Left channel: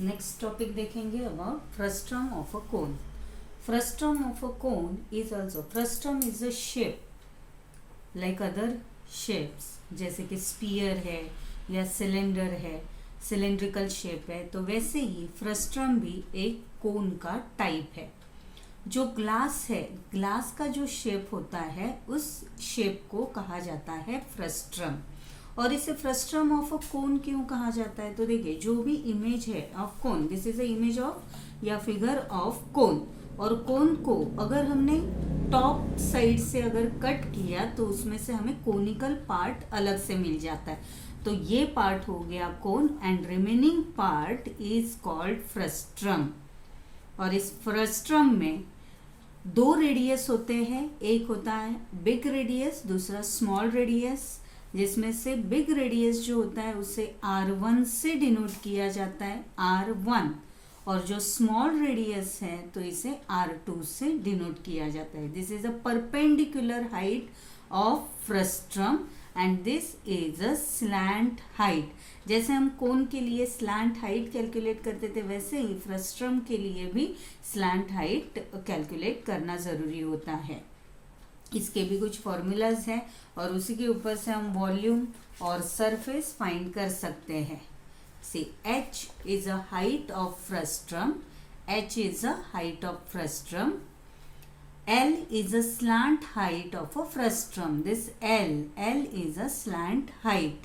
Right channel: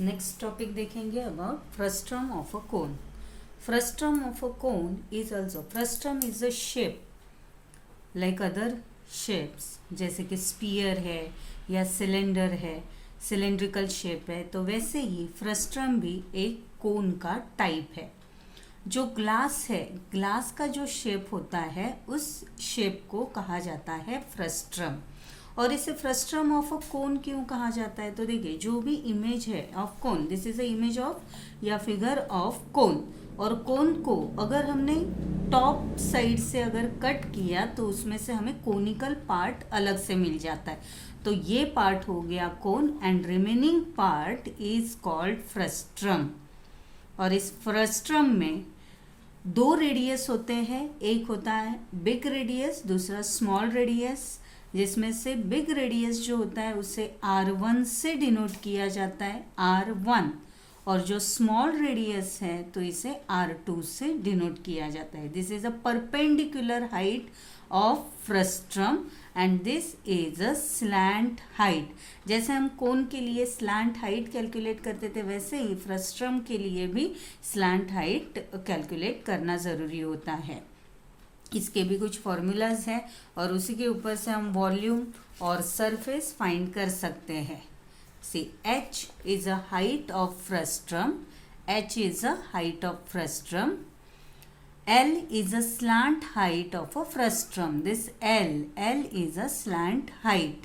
Next topic देखेंगे about frustum of a cone. Frustum of a cone is also, frustum is a shape like other shapes, जैसे कि spear है या cylinder है, cylindrical shape है, तो वैसे ही फ्रस्ट्रम भी एक कोन का टाइप है. जो ग्लास है, ग्लास का जो शेप होता है उस शेप को कहा जाता है फ्रस्ट्रम. और इसे फ्रस्ट्रम ऑफ अ कोन क्यों कहा जाता है? तो देखिए, जो भी इमेज है of cone, this is a image of या फिगर ऑफ कोन, और कोन को अगर हमने टॉप साइड से अगर कट किया तो उसमें से हमें कोनिकल पार्ट अलग से मिल जाता है. तो ये पार्ट हो गया cone and remaining part is called frustum. और इस फ्रस्ट्रम में दो रेडियस होते हैं, एक होता है बिग रेडियस, दूसरा स्मॉल रेडियस, जिसमें से बिग रेडियस जो होता है उसे R1 से डिनोट किया जाता है, R1, और जो स्मॉल रेडियस है तो इसे R2 से डिनोट किया जाता है. This is a perpendicular height of frustum and this is a slant height. जैसे हम कोन के लिए स्लैंट हाइट कैलकुलेट करते थे, वैसे ही फ्रस्ट्रम के लिए भी स्लैंट हाइट कैलकुलेट करना ज़रूरी होता है. इसके भी कुछ फॉर्मूलाज हैं और उसी के ऊपर से हम वॉल्यूम और सरफेस फाइंड कर सकते हैं. सी h is a height of frustum, h is a height of frustum, L is a slant height of a frustum. This L is a slant height.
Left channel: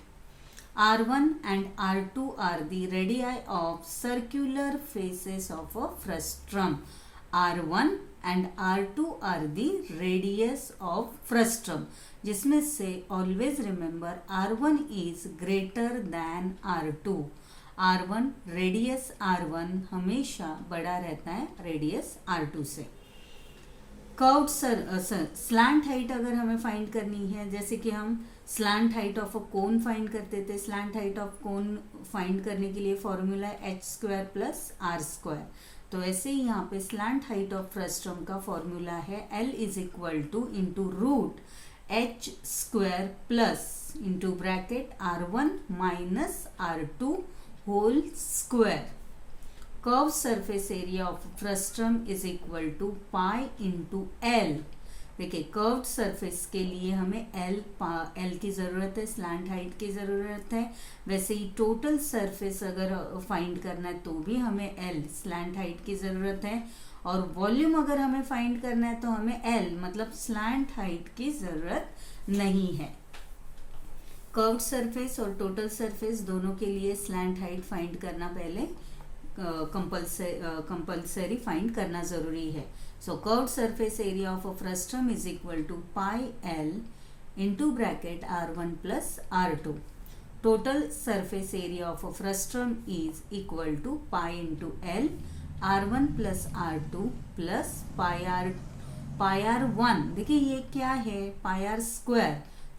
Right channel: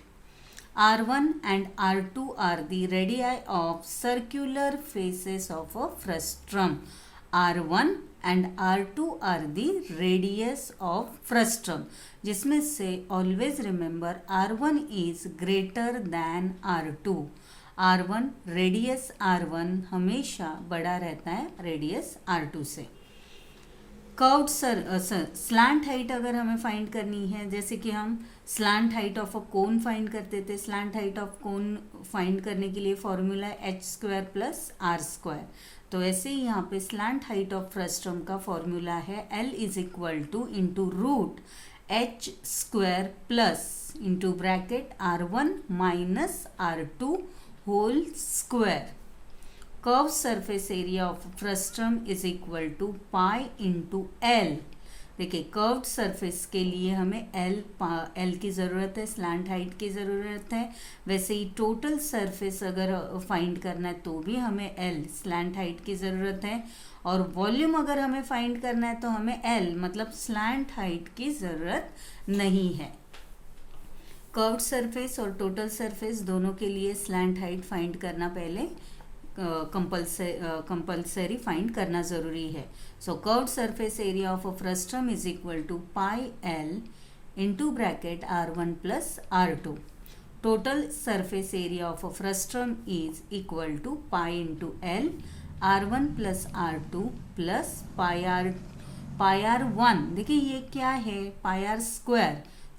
R1 and R2 are the radii of circular faces of a frustum. R1 and R2 are the radius of frustum, जिसमें से always remember R1 is greater than R2. R1 radius R1 हमेशा बड़ा रहता है radius R2 से. Curved slant height अगर हमें find करनी है, जैसे कि हम slant height of a cone find करते थे, slant height of cone find करने के लिए फॉर्मूला h² प्लस r². तो ऐसे ही यहाँ पे स्लैंट हाइट ऑफ फ्रस्ट्रम का फॉर्मूला है L is equal to into root h² plus into bracket R1 minus R2 whole square. Curve surface area of frustum is equal to pi into L. देखिए, curved surface के लिए हमें L की ज़रूरत है, slant height की ज़रूरत है. वैसे ही टोटल सरफेस अगर फाइंड करना है तो भी हमें एल स्लैंट हाइट की ज़रूरत है. और वॉल्यूम अगर हमें फाइंड करना है तो हमें एल मतलब स्लैंट हाइट की ज़रूरत नहीं है. कर्व्ड सरफेस और टोटल सरफेस दोनों के लिए स्लैंट हाइट फाइंड करना पहले कंपल्सरी फाइंड करना ज़रूरी है. So curved surface area of a frustum is equal to pi L into bracket R1 plus R2. Total surface area of a frustum is equal to pi into L R1 plus R2 plus pi R1. देखिए ये क्या है, पाई R².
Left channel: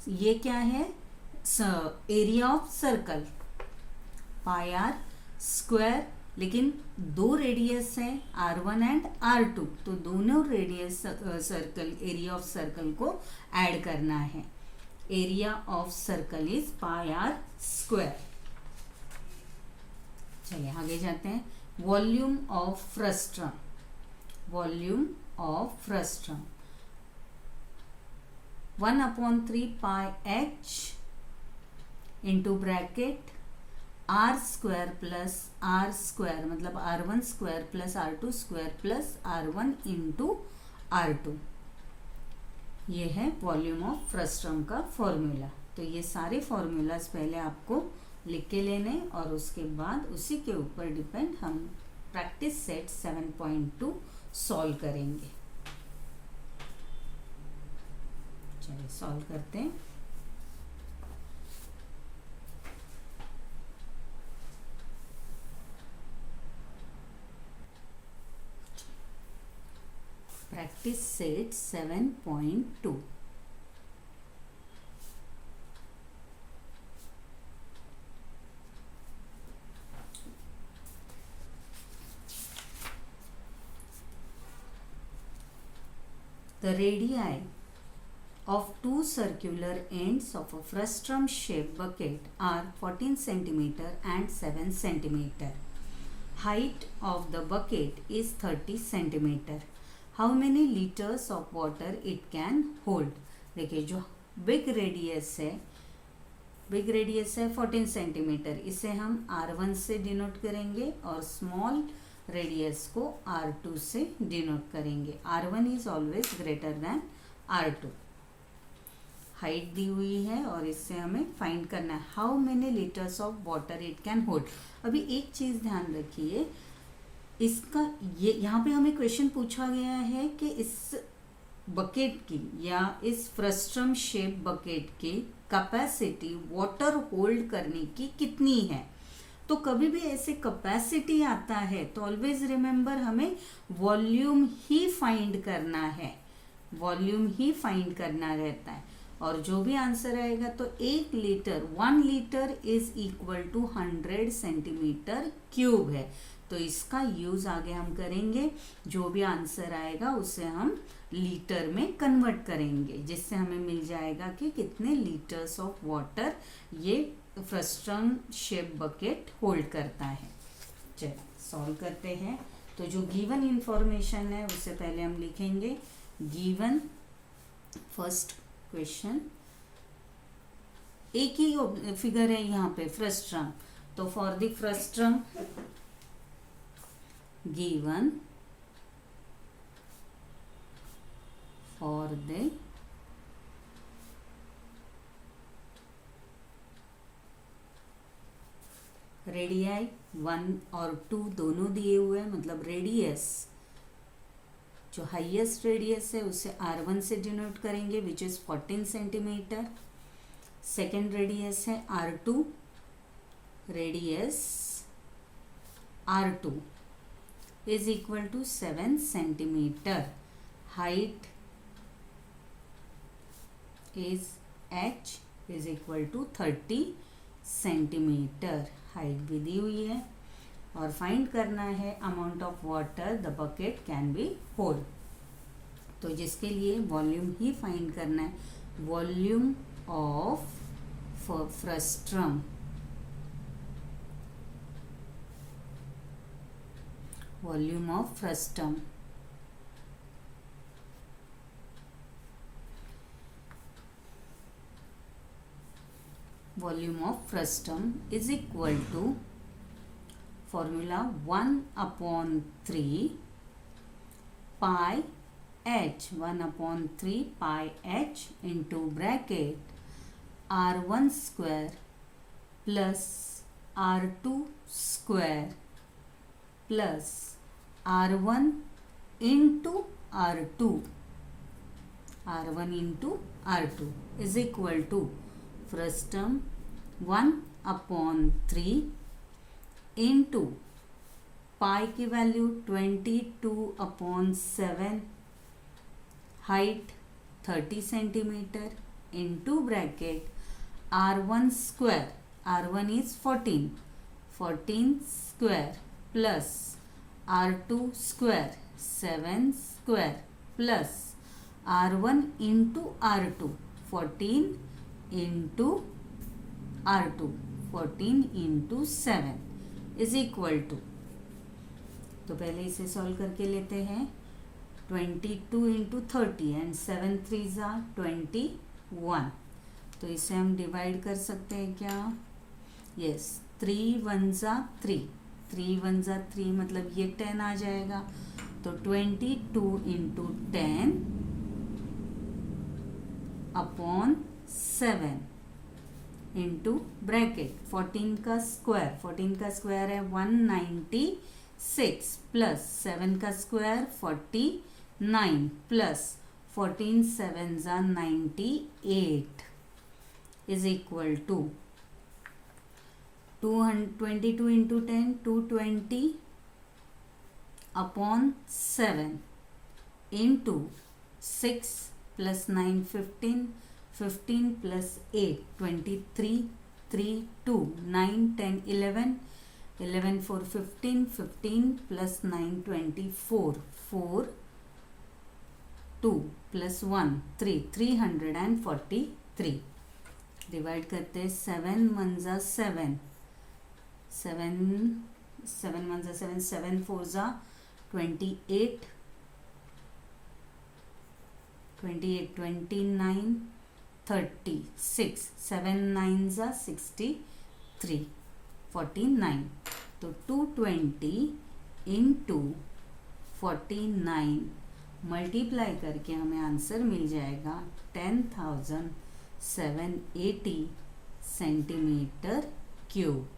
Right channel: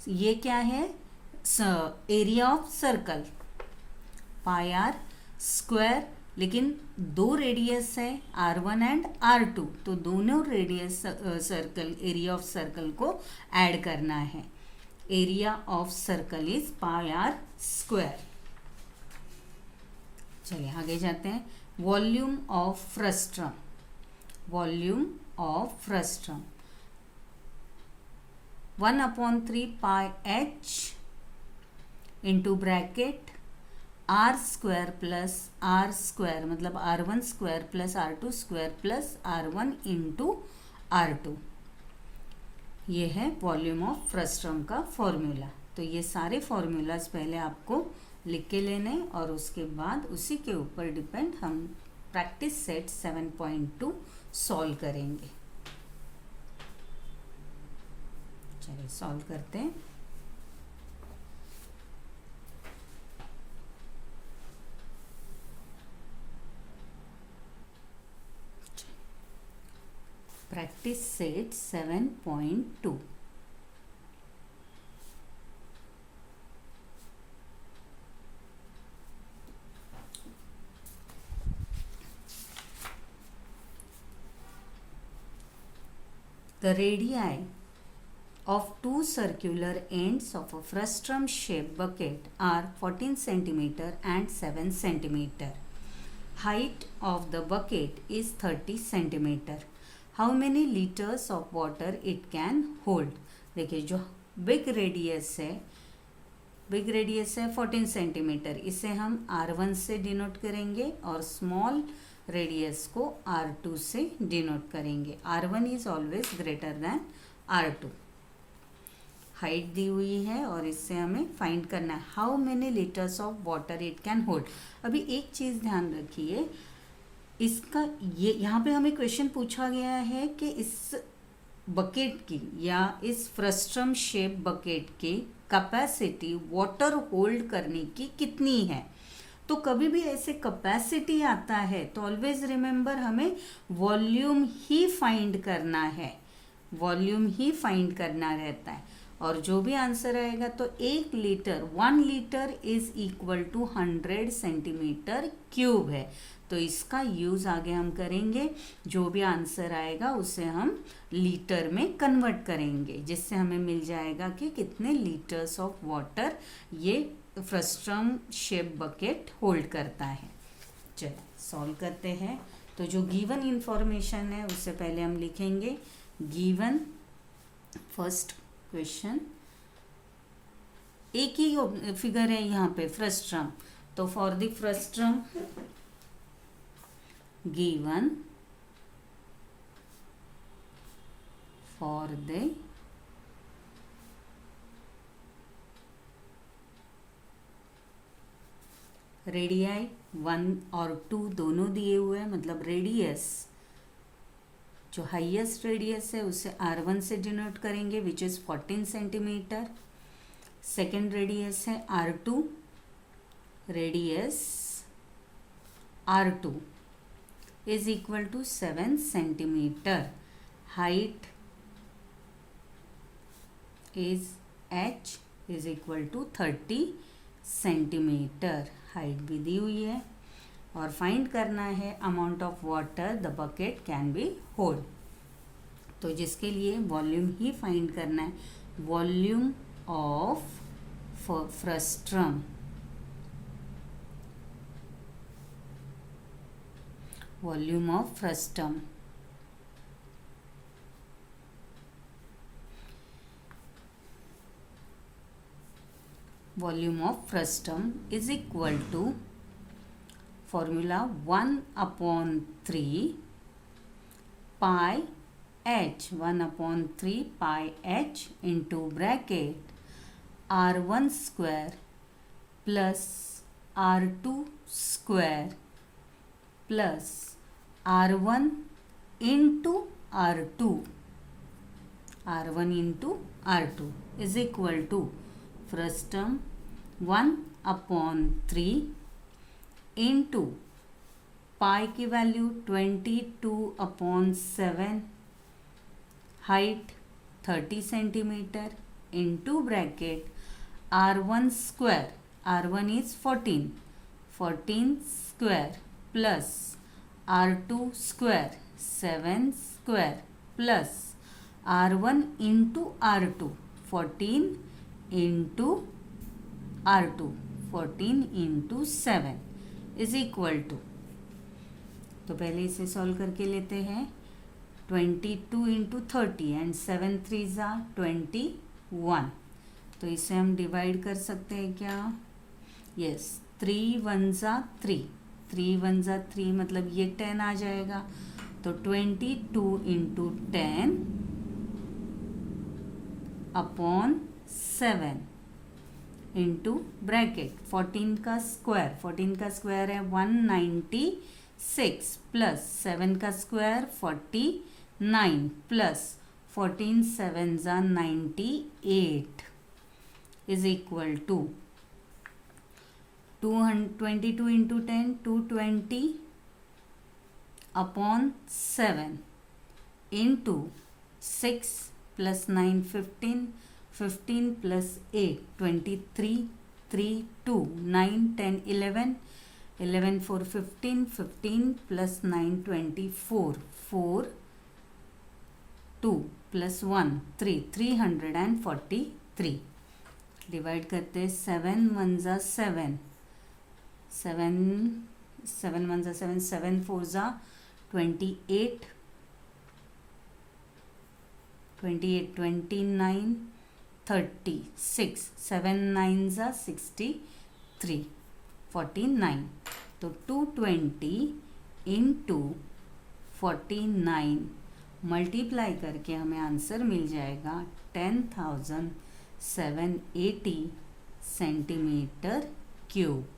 ये क्या है, area of circle, pi R². लेकिन दो radius है R1 एंड R2, तो दोनों radius circle area of circle को ऐड करना है. Area of circle is pi R². चलिए आगे जाते हैं. Volume of frustum. Volume of frustum 1/3 pi h into bracket R² plus R² मतलब R1² plus R2² plus R1 into R2. ये है वॉल्यूम ऑफ फ्रस्ट्रम का फॉर्मूला. तो ये सारे फॉर्मूलाज पहले आपको लिख के लेने और उसके बाद उसी के ऊपर डिपेंड हम प्रैक्टिस सेट 7.2 सॉल्व करेंगे. चलिए सॉल्व करते हैं. Practice set 7.2. The radii of two circular ends of a frustrum shaped bucket are 14 cm and 7 cm. height of the bucket is 30 centimeter. How many liters of water it can hold? देखिए जो big radius है 14 centimetre, इसे हम R1 से denote करेंगे और small radius को R2 से डिनोट करेंगे. R1 is always greater than R2. Height दी हुई है और इससे हमें फाइंड करना है how many litres of water it can hold. अभी एक चीज़ ध्यान रखिए, इसका ये यहाँ पे हमें क्वेश्चन पूछा गया है कि इस बकेट की या इस फ्रस्ट्रम शेप बकेट की कैपेसिटी वाटर होल्ड करने की कितनी है. तो कभी भी ऐसे कैपेसिटी आता है तो ऑलवेज रिमेंबर हमें वॉल्यूम ही फाइंड करना है, वॉल्यूम ही फाइंड करना रहता है. और जो भी आंसर आएगा तो 1 litre is equal to 100 centimetre cube है. तो इसका यूज आगे हम करेंगे, जो भी आंसर आएगा उसे हम लीटर में कन्वर्ट करेंगे, जिससे हमें मिल जाएगा कि कितने लीटर्स ऑफ वाटर ये फ्रस्ट्रम शेप बकेट होल्ड करता है. चलिए सॉल्व करते हैं. तो जो गिवन इंफॉर्मेशन है उससे पहले हम लिखेंगे गिवन फर्स्ट क्वेश्चन. एक ही फिगर है यहाँ पे फ्रस्ट्रम, तो for the frustum given for the radii 1 और 2 दोनों दिए हुए हैं, मतलब रेडियस जो हाईएस्ट रेडियस है उसे R1 से डिनोट करेंगे which is 14 centimetre. Second radius है R2, radius R2 is equal to 7 centimetre. Height is H is equal to 30 centimetre. Height भी दी हुई है और फाइंड करना है amount of water the bucket can be hold. तो जिसके लिए वॉल्यूम ही फाइंड करना है, volume of frustum, volume of frustum is equal to formula 1/3 pi h, 1/3 pi h into bracket R1 square plus R2 square plus R1 into R2, R1 into R2 is equal to frustum 1/3 into pi की value 22/7, height 30 centimetre into bracket R1 square, R1 is 14 square plus R2 square 7 square plus R1 into R2 14 into R2 14 into 7 is equal to, तो पहले इसे solve करके लेते हैं. 22 into 30 and 7 3 ज़ा 21. तो इसे हम डिवाइड कर सकते हैं क्या? यस, 3 1 ज़ा 3, 3 1 ज़ा 3 मतलब ये 10 आ जाएगा. तो 22 इंटू 10 अपॉन 7 इंटू ब्रैकेट 14 का स्क्वायर है 196 प्लस 7 का स्क्वायर 49 प्लस 14 7 ज़ा 98 is equal to 22 into 10 220 upon 7 into 6 plus 9 15 plus 8 23 3 2 9 10 11 4 15 plus 9 24 4 2 plus 1 3 343. Divide करते 7 1 ज़ा 7 7 1 7, 7 4 28, 28 29 36, 7 9 63, 49. तो 220 इंटू 49 मल्टीप्लाई करके हमें आंसर मिल जाएगा 10,780 सेंटीमीटर क्यूब।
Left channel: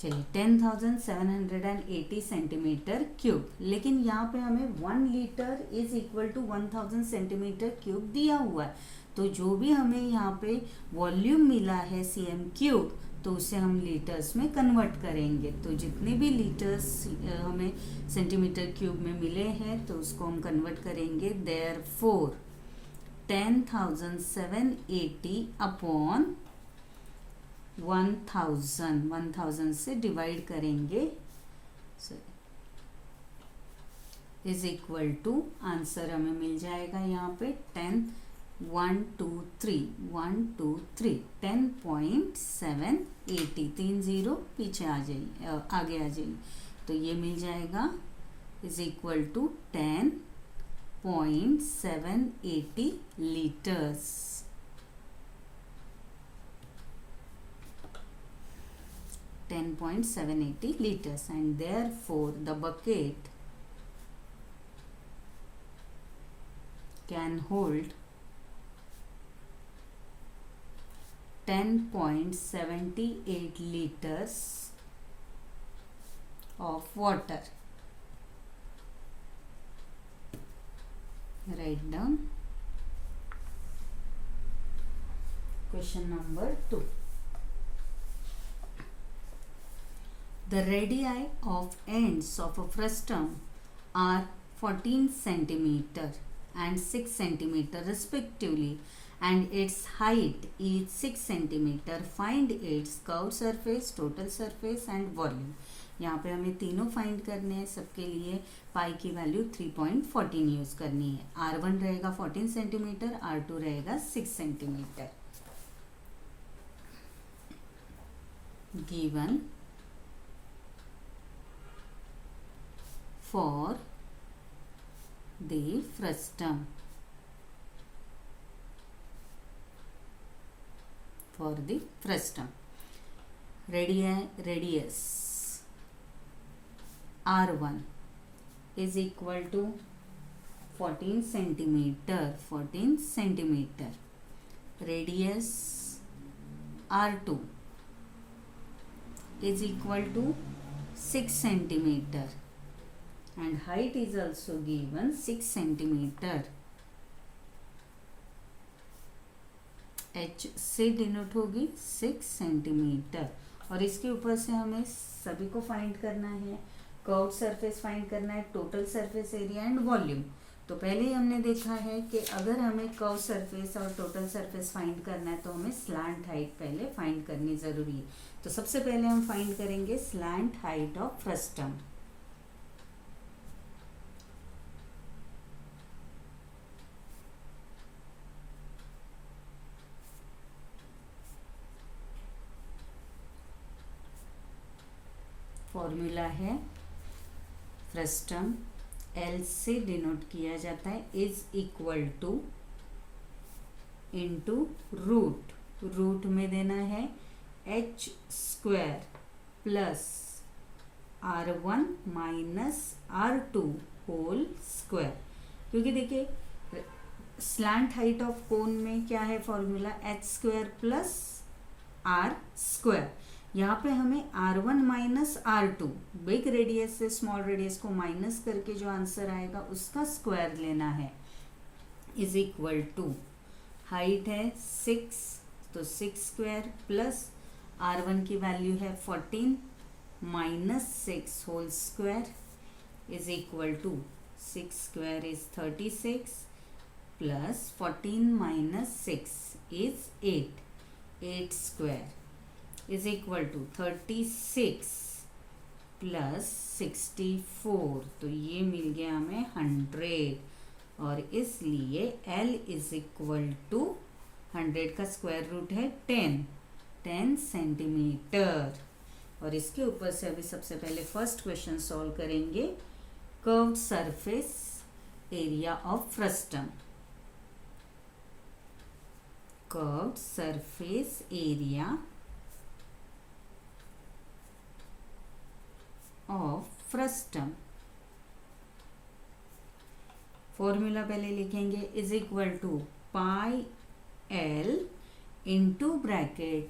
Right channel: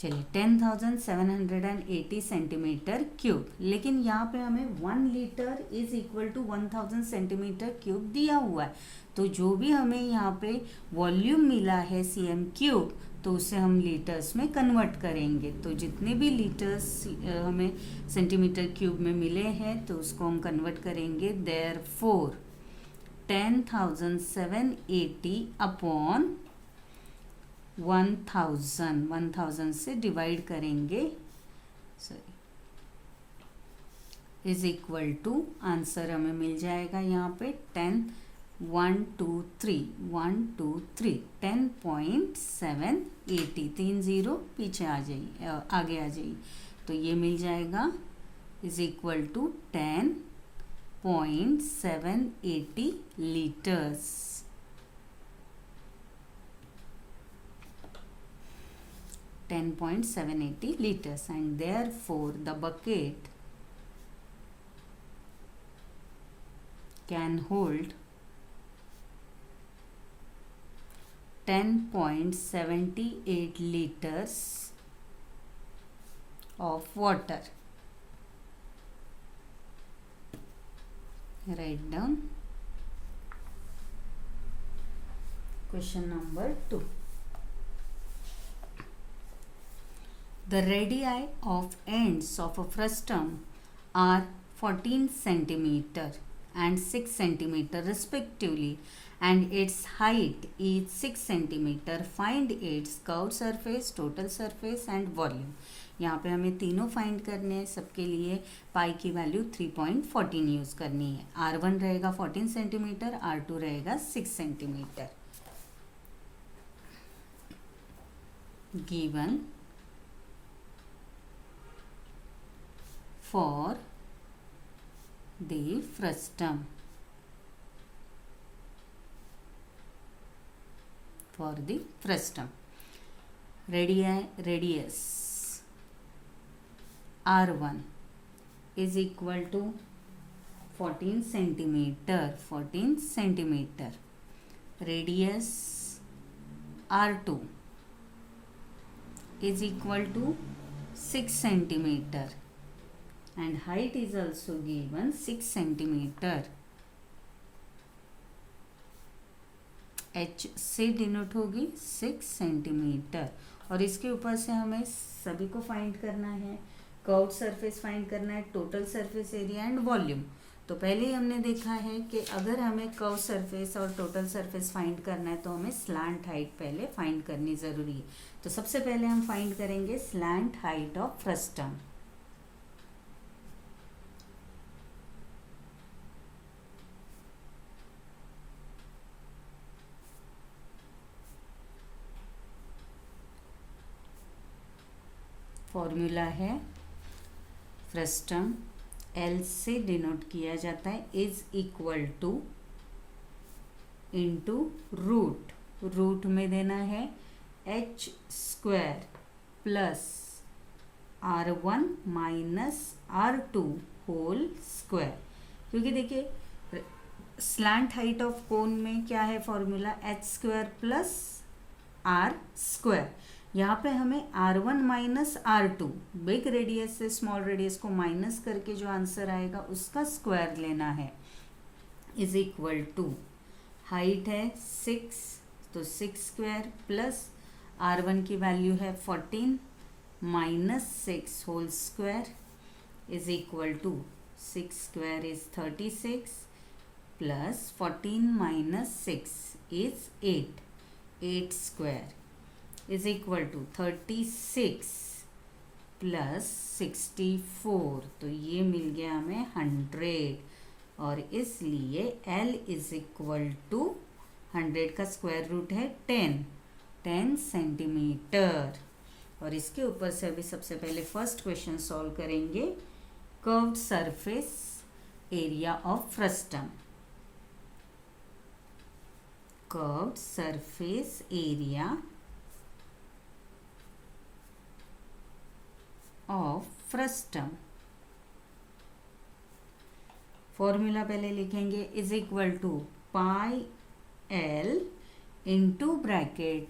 चलिए 10,780 सेंटीमीटर क्यूब, लेकिन यहाँ पे हमें 1 litre is equal to 1000 centimetre cube दिया हुआ है। तो जो भी हमें यहाँ पे वॉल्यूम मिला है cm क्यूब, तो उसे हम लीटर्स में कन्वर्ट करेंगे। तो जितने भी लीटर्स हमें सेंटीमीटर क्यूब में मिले हैं तो उसको हम कन्वर्ट करेंगे। देयरफॉर 10,780 अपॉन 1000 से डिवाइड करेंगे, इज इक्वल टू आंसर हमें मिल जाएगा यहाँ पे 10,780 3 0 पीछे आ जाइए, आगे आ जाइए। तो ये मिल जाएगा is equal to 10.780 litres. liters, and therefore the bucket can hold 10.78 liters of water. Write down question number 2. The radii of ends of a frustum are 14 centimeter and 6 centimeter respectively, and its height is 6 centimeter. Find its curved surface, total surface and volume. यहाँ पे हमें तीनों find करने हैं। सबके लिए पाई की value 3.14 use करनी है। R1 रहेगा 14 सेंटीमीटर, R2 रहेगा 6 centimetre. Given for the frustum, radius R1 is equal to 14 centimeter. Radius R2 is equal to 6 centimeter. And height is also given 6 centimeter. H से डिनोट होगी 6 सेंटीमीटर। और इसके ऊपर से हमें सभी को फाइंड करना है। कर्व्ड सरफेस फाइंड करना है, total surface area and volume. तो पहले ही हमने देखा है कि अगर हमें कर्व सरफेस और टोटल सरफेस फाइंड करना है तो हमें स्लैंट हाइट पहले फाइंड करनी ज़रूरी है। तो सबसे पहले हम फाइंड करेंगे slant height of frustum. Formula है फ्रस्टम एल से डिनोट किया जाता है is equal to into root में देना है h square plus R1 minus R2 whole square. क्योंकि देखिए स्लैंट हाइट ऑफ कोन में क्या है formula, h square plus R square. यहाँ पे हमें R1 minus R2 big radius से स्मॉल रेडियस को माइनस करके जो आंसर आएगा उसका स्क्वायर लेना है, इज इक्वल टू हाइट है 6 तो 6 स्क्वायर प्लस R1 की वैल्यू है 14 minus 6 whole square is equal to 6 square is 36 plus 14 minus 6 is 8 square is equal to 36 plus 64। तो ये मिल गया हमें 100 और इसलिए L इज इक्वल टू 100 का स्क्वायर रूट है 10 सेंटीमीटर। और इसके ऊपर से अभी सबसे पहले फर्स्ट क्वेश्चन सॉल्व करेंगे। Curved surface area of frustum. Curved surface area of frustum. Formula पहले लिखेंगे, is equal to pi L into bracket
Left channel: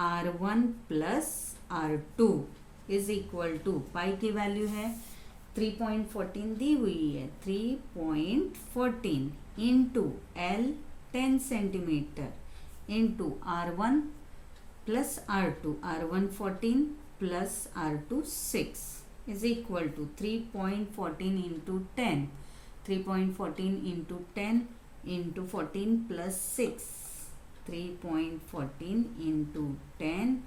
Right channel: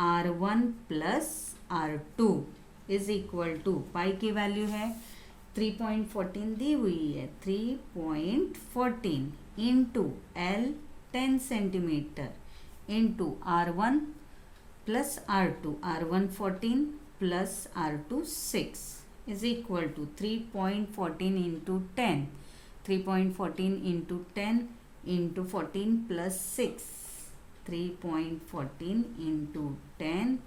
R1 plus R2 is equal to, pi की वैल्यू है 3.14 दी हुई है, 3.14 into L 10 centimetre into R1 plus R2, R1 14 plus R2 6 is equal to 3.14 into 10, 3.14 into 10 into 14 plus 6, 3.14 into 10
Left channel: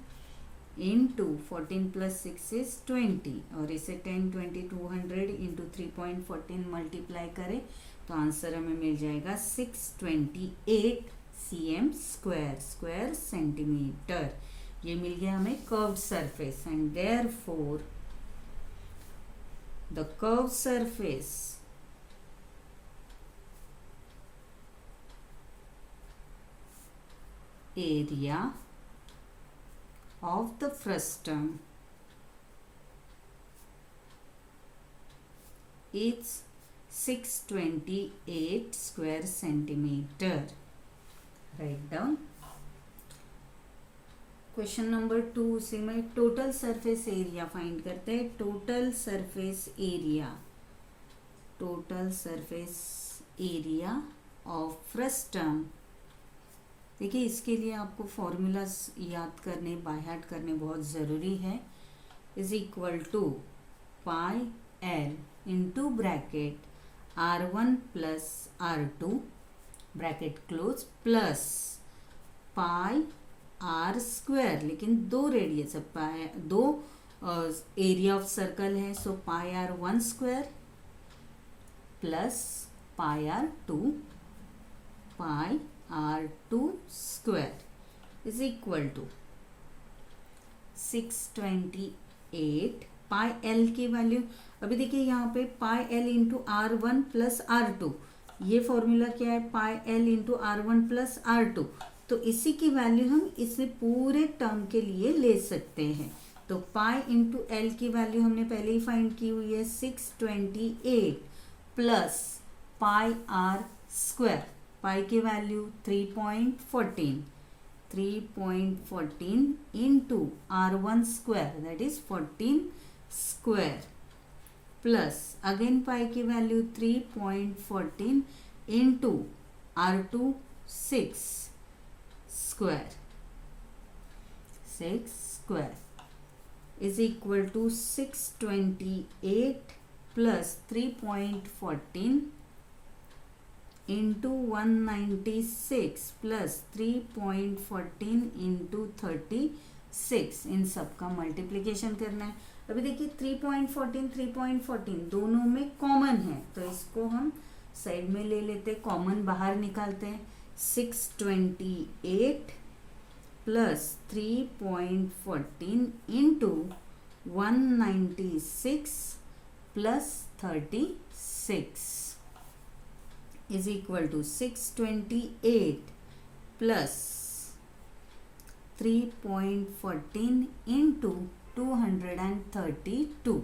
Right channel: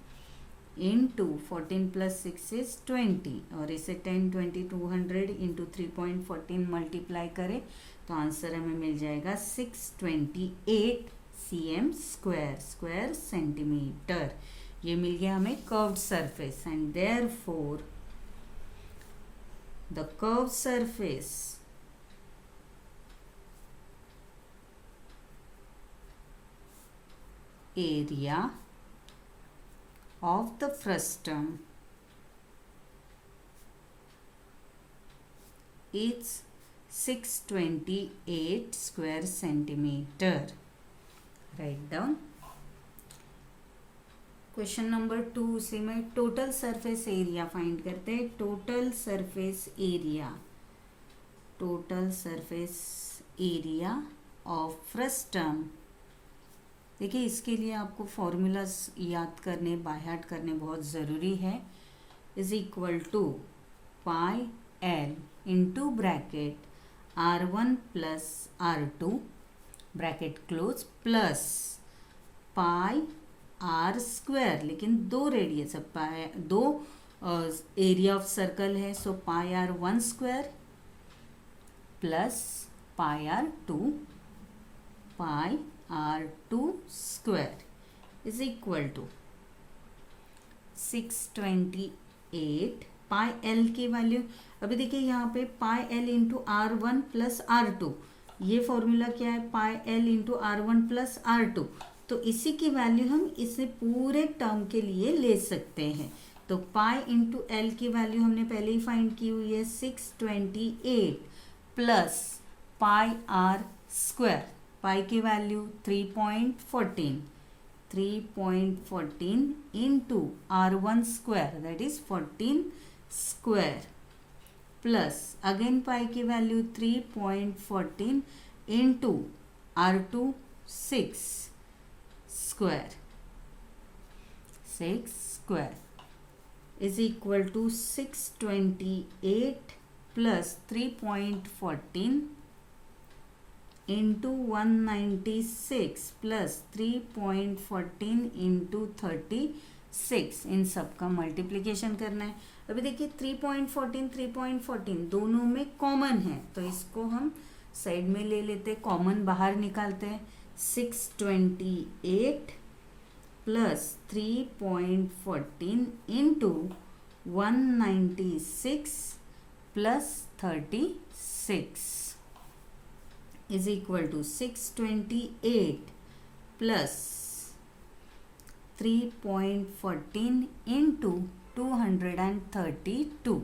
into 14 plus 6 is 20, और इसे 10, 20, 200 into 3.14 multiply करें तो answer हमें मिल जाएगा 628 cm स्क्वायर सेंटीमीटर। ये मिल गया हमें curved surface, and therefore the curved surface area of the frustum is 628 square centimeter. Write down. Question number 2 से मैं टोटल सरफेस एरिया फाइंड करते हैं। Total surface area of frustum. देखिए, इसके लिए आपको फॉर्मूलाज याद करने, बाय हार्ट करने बहुत ज़रूरी है। Is equal to pi L into bracket R1 plus R2 bracket close plus pi R square, लेकिन दो रेडियस है, दो एरिया ऑफ सर्कल है, so pi R1 square plus pi R2 square is equal to 628 pi L की value. अभी देखिए यहाँ पे पाई L into R1 plus R2, ये फॉर्मूला क्या है, पाई L into R1 plus R2, तो इसी की वैल्यू हम इसे पूरे टर्म के लिए ले सकते हैं। तो पाई इंटू एल की वैल्यू हमने पहले ही फाइंड की हुई है 628 plus pi R square, pi की value 3.14 into R1 square that is 14 square plus again pi की value 3.14 into R2 6 square is equal to 628 plus 3.14 into 196 plus 3.14 into 36, इन सब का मल्टीप्लिकेशन करना है। अभी देखिए 3.14 दोनों में कॉमन है, तो इसको हम साइड में ले लेते हैं, कॉमन बाहर निकालते हैं। 628 plus 3.14 into 196 plus 36 is equal to 628 plus 3.14 into 232,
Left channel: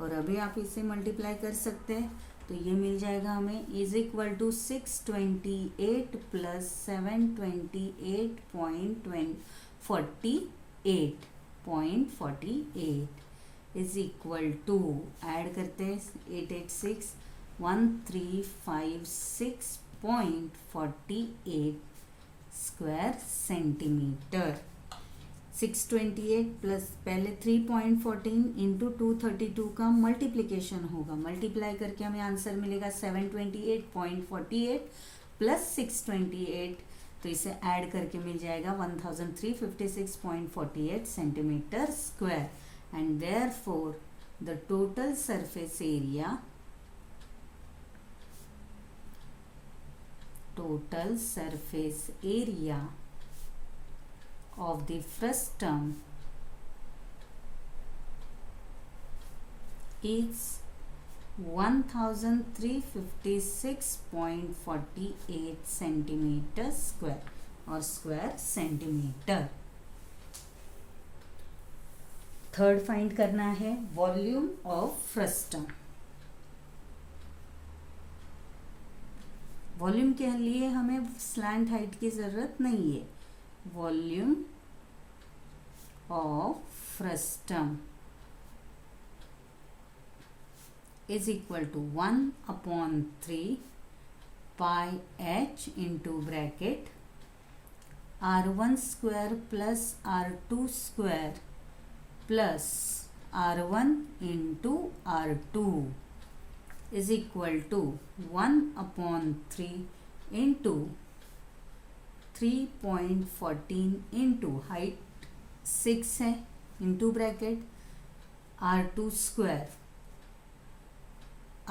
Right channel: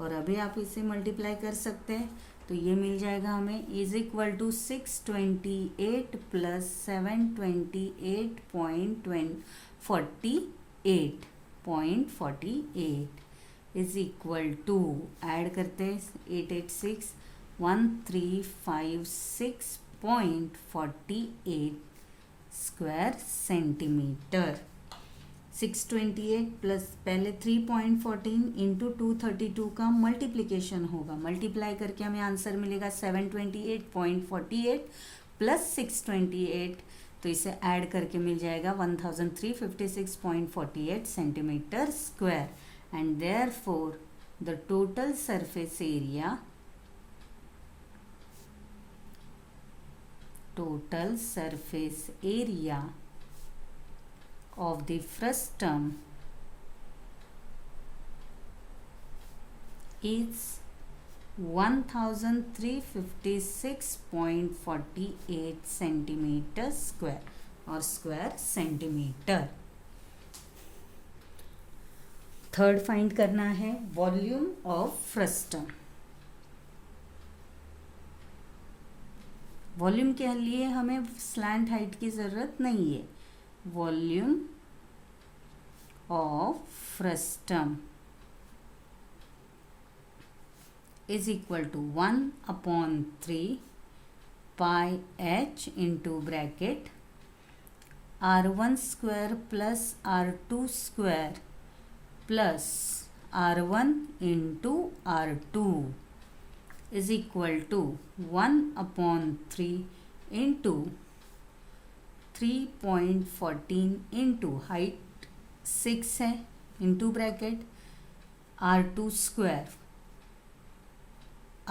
और अभी आप इसे मल्टीप्लाई कर सकते हैं तो ये मिल जाएगा हमें is equal to 628 plus 728.48 is equal to, add करते हैं 886 1356.48 स्क्वायर सेंटीमीटर। 628 प्लस पहले 3.14 इंटू 232 का मल्टीप्लिकेशन होगा, मल्टीप्लाई करके हमें आंसर मिलेगा 728.48 प्लस 628, तो इसे ऐड करके मिल जाएगा 1356.48 centimetre square, and therefore the total surface area of the frustum is 1356.48 centimeter square or square centimeter. Third find करना है वॉल्यूम ऑफ फ्रस्टम. वॉल्यूम के लिए हमें स्लैंट हाइट की जरूरत नहीं है. Volume of frustum is equal to 1/3 pi h into bracket r1 square plus r2 square plus r1 into r2 is equal to 1/3 into 3.14 into height 6 है into bracket r2 square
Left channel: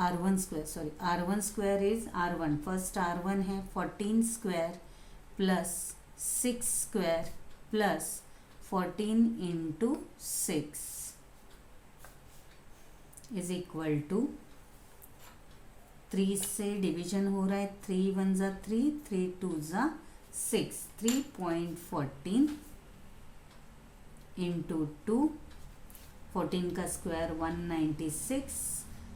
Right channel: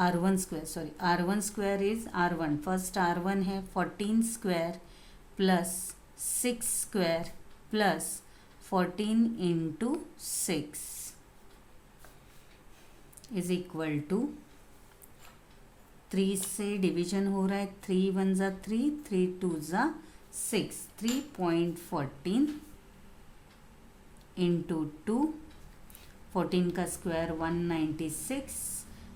r1 square is r1. First r1 है 14 square plus 6 square plus 14 into 6 is equal to 3 से division हो रहा है. 3 1 जा 3, 3 2 जा 6. 3.14 into 2, 14 का square 196,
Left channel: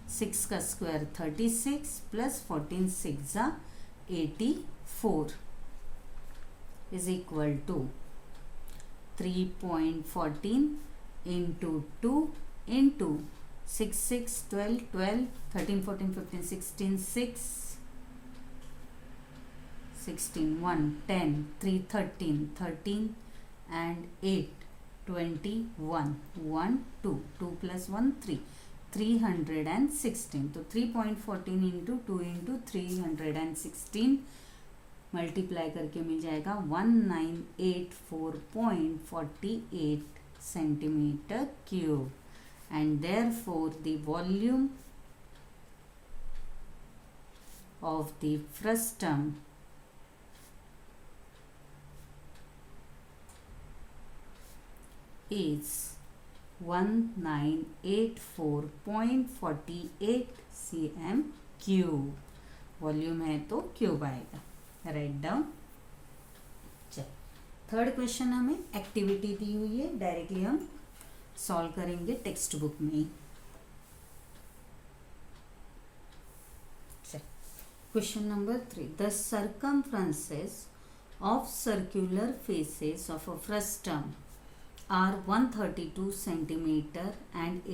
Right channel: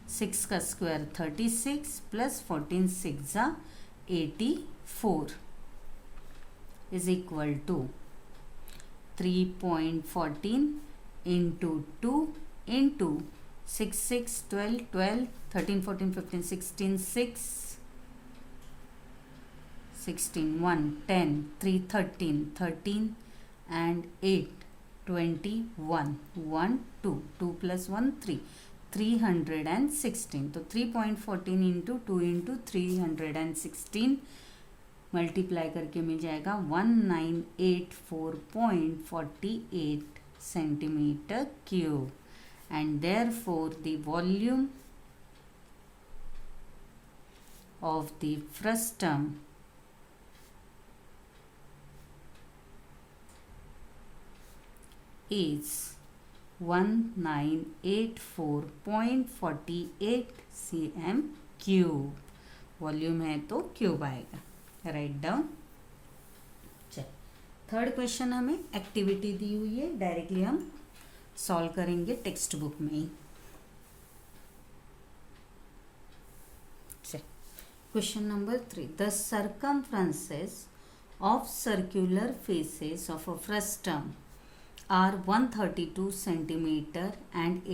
6 का स्क्वायर 36 प्लस 14 6 जा 84 is equal to 3.14 into 2 into 6 6 12 12 13 14 15 16 6 16 1 10 3 13 13 and 8 21 1 2 2 plus 1 3 316. तो 3.14 इंटू 2 इंटू 316 मल्टीप्लाई करके मिल जाएगा 1984.48 centimetre cube. And therefore the volume of the frustum is 1984.48 cm cube. Volume है तो क्यूब आएगा. Right down. चल थर्ड क्वेश्चन हमें एक्टिविटी दी हुई है, डायरेक्टली हम सॉल्व करेंगे टेक्स्ट बुक में ही. Question number 3. The circumferences of circular faces of a frustum are 132 centimeter and